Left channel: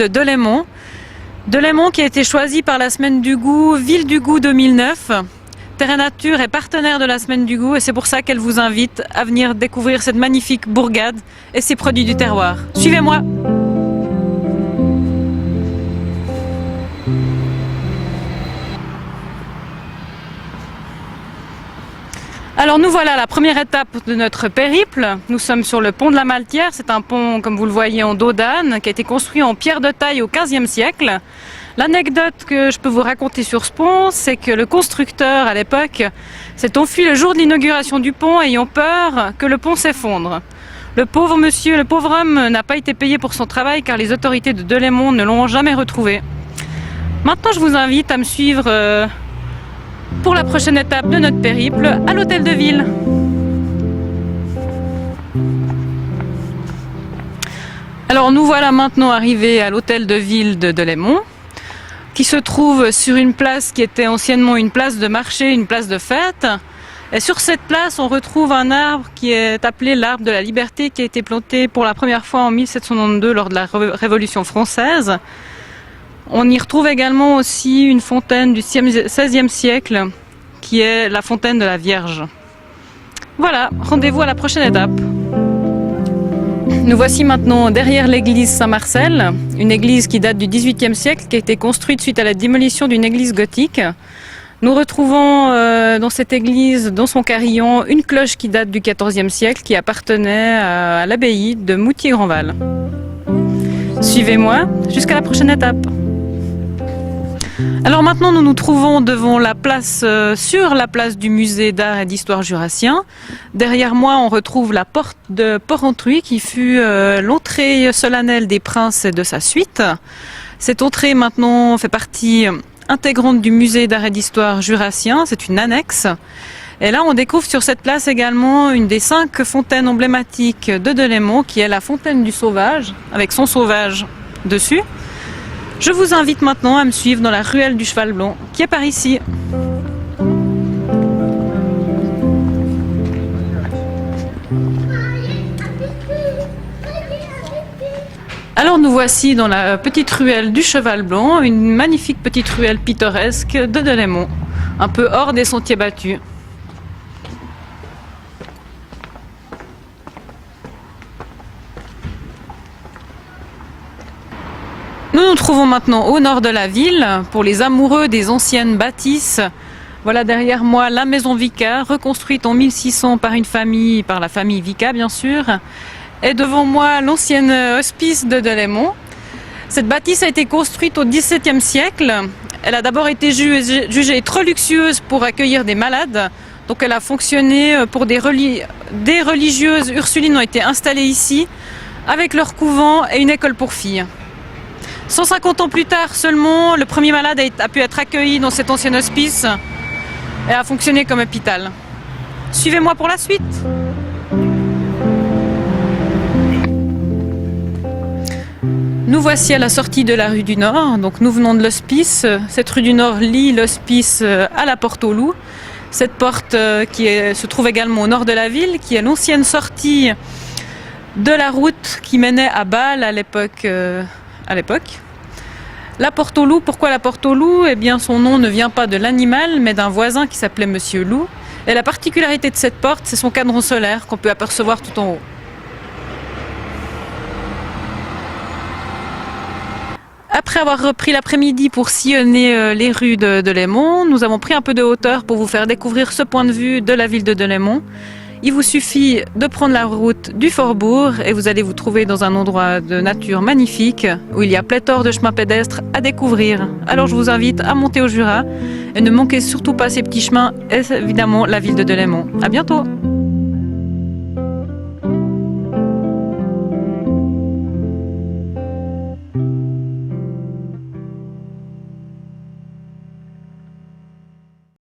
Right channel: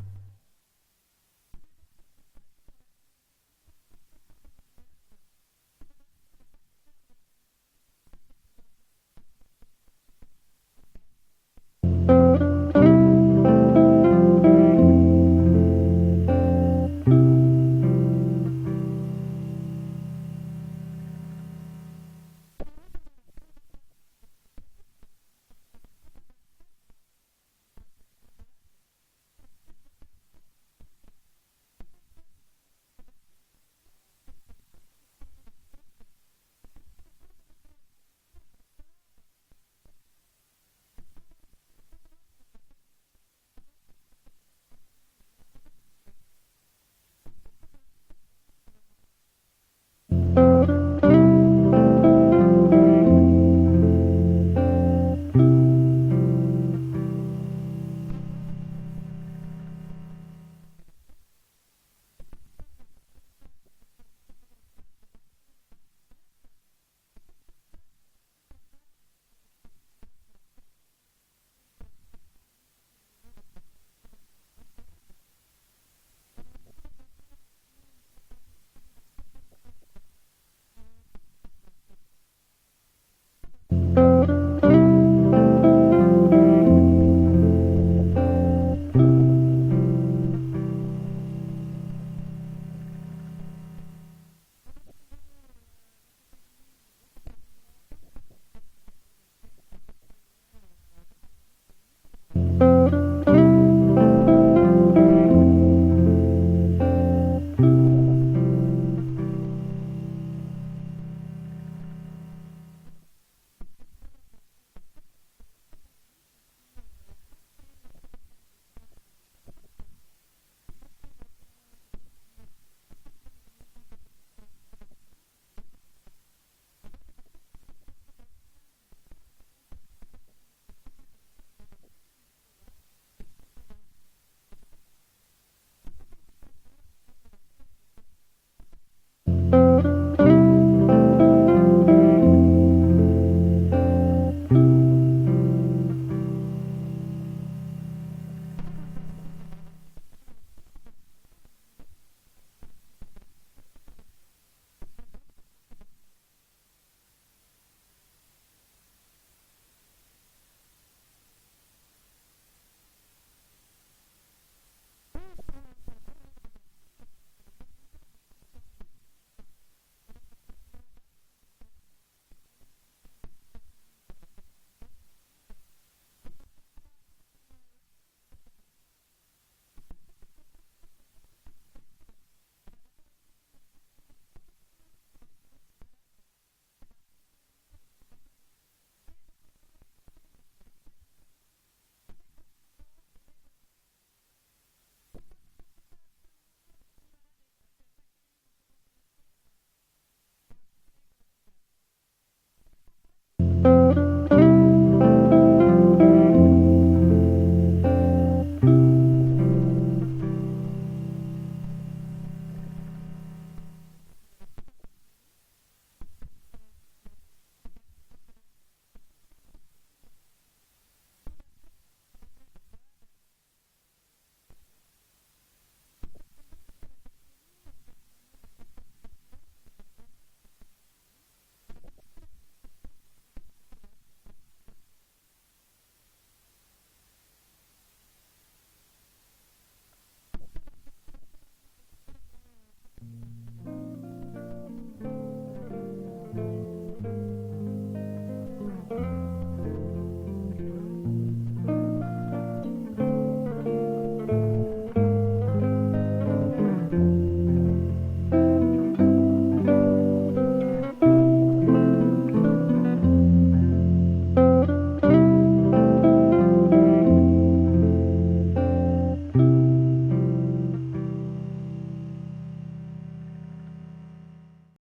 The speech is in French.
de Delémont. Delémont qui a été choisi par la Semaine du Goût, Ville du Goût 2009. Terre et Nature est partenaire de la Semaine du Goût et c'est pour ça qu'elle vous invite à venir découvrir cette magnifique bourgade et ses produits du terroir. Suivez-moi! Alors nous voilà à la première étape de notre périple. Nous sommes sur le pont de la Maltière. C'est un pont, comme vous le voyez, en dos d'âne, qui a été construit en pierre de taille au XVe siècle. L'anecdote que je peux vous raconter sur ce pont, c'est que le constructeur à l'époque s'est enfui le jour de l'inauguration du pont, ayant peur que le pont s'effondre. Le pauvre monsieur, le pauvre homme n'a pas été payé pour son travail car les autorités de Delémont ne l'ont jamais retrouvé. Maintenant, je vous invite à me suivre pour la prochaine étape de notre périple à l'hôtel de ville. Alors nous voilà maintenant arrivés à l'hôtel de ville de Delémont, qui se trouve sur une place qui était anciennement une place de marché, une place de fête. Et sur cette place, on retrouve un arbre qui est appelé l'arbre de la liberté, qui a été planté pour la première fois en 1792 lors de la Révolution française. On y retrouve également aussi une fontaine du XVIe siècle, qui est la fontaine de la Vierge. Voilà, rendez-vous à la prochaine étape. Nous voici maintenant derrière l'église Saint-Marcel, une église qui date du XVIIIe siècle, qui a été construite suite à la démolition d'une église gothique. Nous retrouvons dans cette église, dans son carillon, une cloche qui date du XIVe siècle, qui appartenait à l'abbaye de Moutier-Grandval. Suivez-moi jusqu'à la prochaine étape. Alors maintenant nous nous trouvons devant la place, sur la place du musée d'art et d'histoire jurassien. Derrière moi on retrouve la porte de Porrentruy qui fut l'entrée solennelle des princes et de sa suite. Cette entrée maintenant fait partie intégrante du musée d'art et d'histoire jurassien, c'est une annexe. Et là on découvre sur cette place également une des 5 fontaines emblématiques de Delémont qui est la fontaine du Sauvage, avec son sauvage dessus. Je vous invite maintenant à me suivre dans la ruelle du Cheval Blanc, qui est par ici. Alors nous voici dans la petite ruelle du Cheval Blanc, une magnifique petite ruelle pittoresque de Delémont, un peu hors des sentiers battus. Nous nous trouvons maintenant au nord de la ville, pour les amoureux des anciennes bâtisses. Voilà derrière moi la maison Vicat, reconstruite en 1600 par une famille, par la famille Vicat bien sûr. Et devant moi l'ancienne hospice de Delémont. Cette bâtisse a été construite au XVIIe siècle. Elle a d'abord été jugée trop luxueuse pour accueillir des malades. Donc elle a fonctionné pour des religieuses ursulines ont été installées ici, avec leur couvent et une école pour filles. 150 ans plus tard seulement, le premier malade a pu être accueilli dans cet ancien hospice et a fonctionné comme hôpital. Suivez-moi pour la suite. Nous voici à la sortie de la rue du Nord. Donc nous venons de l'hospice. Cette rue du Nord lie l'hospice à la porte aux loups. Cette porte se trouve également au nord de la ville, qui est l'ancienne sortie de la route qui menait à Bâle à l'époque. La porte aux loups, pourquoi la porte aux loups? Eh bien son nom ne vient pas de l'animal mais d'un voisin qui s'appelait Monsieur Loup. Et la particularité de cette porte, c'est son cadran solaire qu'on peut apercevoir tout en haut. Après avoir repris l'après-midi pour sillonner les rues de Delémont, nous avons pris un peu de hauteur pour vous faire découvrir ce point de vue de la ville de Delémont. Il vous suffit de prendre la route du Fort-Bourg et vous allez vous trouver dans un endroit de nature magnifique où il y a pléthore de chemins pédestres à découvrir. Alors je vous invite à monter au Jura et ne manquez surtout pas ces petits chemins et évidemment la ville de Delémont. À bientôt!